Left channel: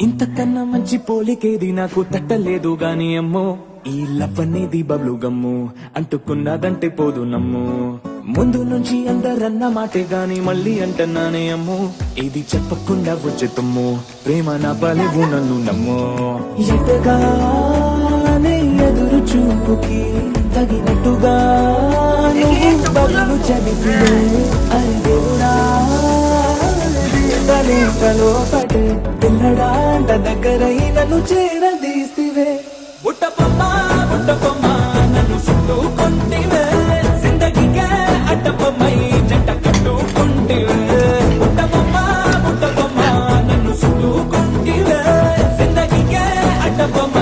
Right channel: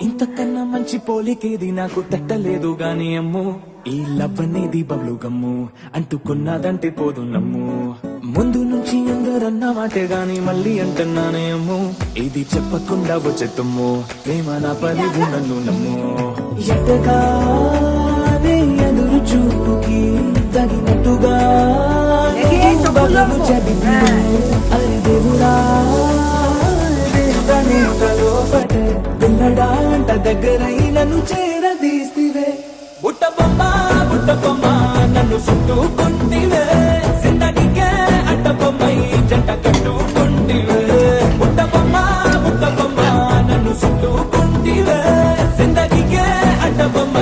ఇంతకన్నా మంచి పోలికేది నాకు తట్టలేదు గాని అమ్మో ఈ లవ్ అనేది బబ్లు గమ్ము అంటుకున్నదంటే పోదు నమ్ము ముందు నుంచి అందరన్న మాటే గాని మళ్ళీ అంటున్నానే అమ్ము ఇది చెప్పకుండా వచ్చే తుమ్ము ప్రేమ నా పలివు నన్ను నమ్ము ఎటగానే ఎదురు చూకి తగినట్టుగా నువ్వు బదులు చెబితే అరే దేవుడా తనేకలో పడే పిల్లడా అంట దగ్గరై నన్ను చేరదీస్తివే బుట్ట బొమ్మ నన్ను చుట్టుకుంటివే జిందగీకే అడ్డ బొమ్మై జంట కట్టుకుంటివే బుట్ట బొమ్మ నన్ను చుట్టుకుంటివే జిందగీకే అడ్డ బొమ్మ